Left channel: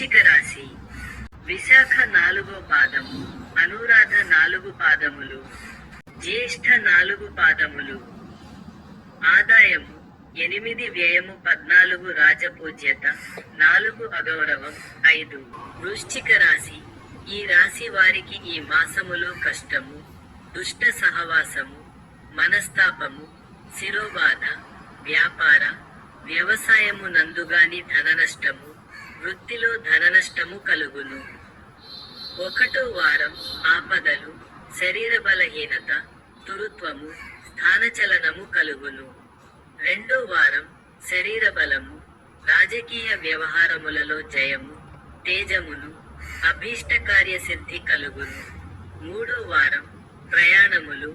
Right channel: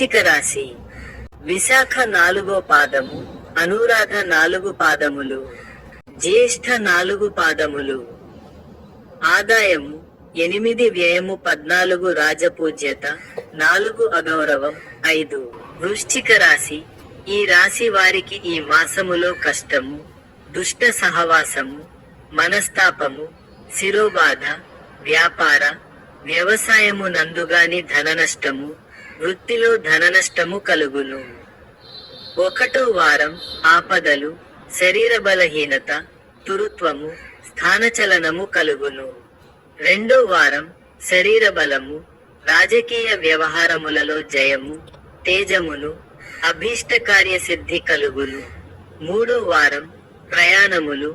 వృశ్చిక రాశి విశాఖ 4వ పాదము, అనురాధ 4 పాదములు, జ్యేష్ఠ 4 పాదములు. ఆదాయము 8, వ్యయము 14, రాజపూజ్యత 4, అగౌరవం 5. వృశ్చిక రాశి ఈ రాశి వారికి ఈ మాసములో కష్టము, దుష్ట సహవాసము, మనస్తాపము, శిరోబాధ, వ్యాపార వ్యవసాయము నందుగాని ధననష్టము, వృత్తిలో ధననష్టము కలుగును. 1వ వారం ఆపదలు, శరీర బలహీనత, తురుత్వము, స్థానచలనము కలుగును. 2వ వారం శరీర బలము, రాజకీయ వ్యవహారములలో జయము, తేజమును, అభీష్ట కార్యసిద్ధి కలుగును. 3వ వారం ప్రయాణములు,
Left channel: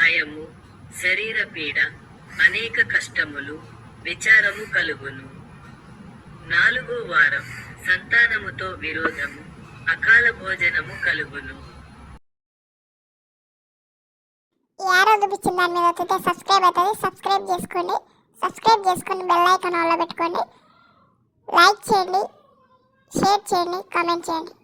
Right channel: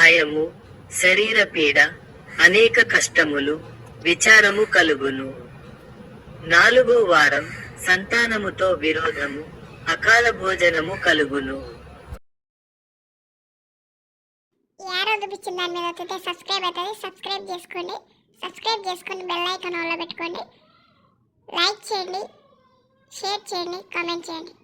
భయము, శరీర పీడ, అనేక కష్టములు, విచారము కలుగును. 4వ వారం సంతానముతో విరోధము, అకాల భోజనము కలుగును. ఈ యారో చూపించిన దాని మీద వస్తే సబ్స్క్రైబ్ అవుతుంది. సబ్స్క్రైబ్ చేసుకొని బెల్ ఐకాన్ ఆన్లో పెట్టుకోండి. లైక్ చేయండి, షేర్ చేయండి, కామెంట్ చేయండి.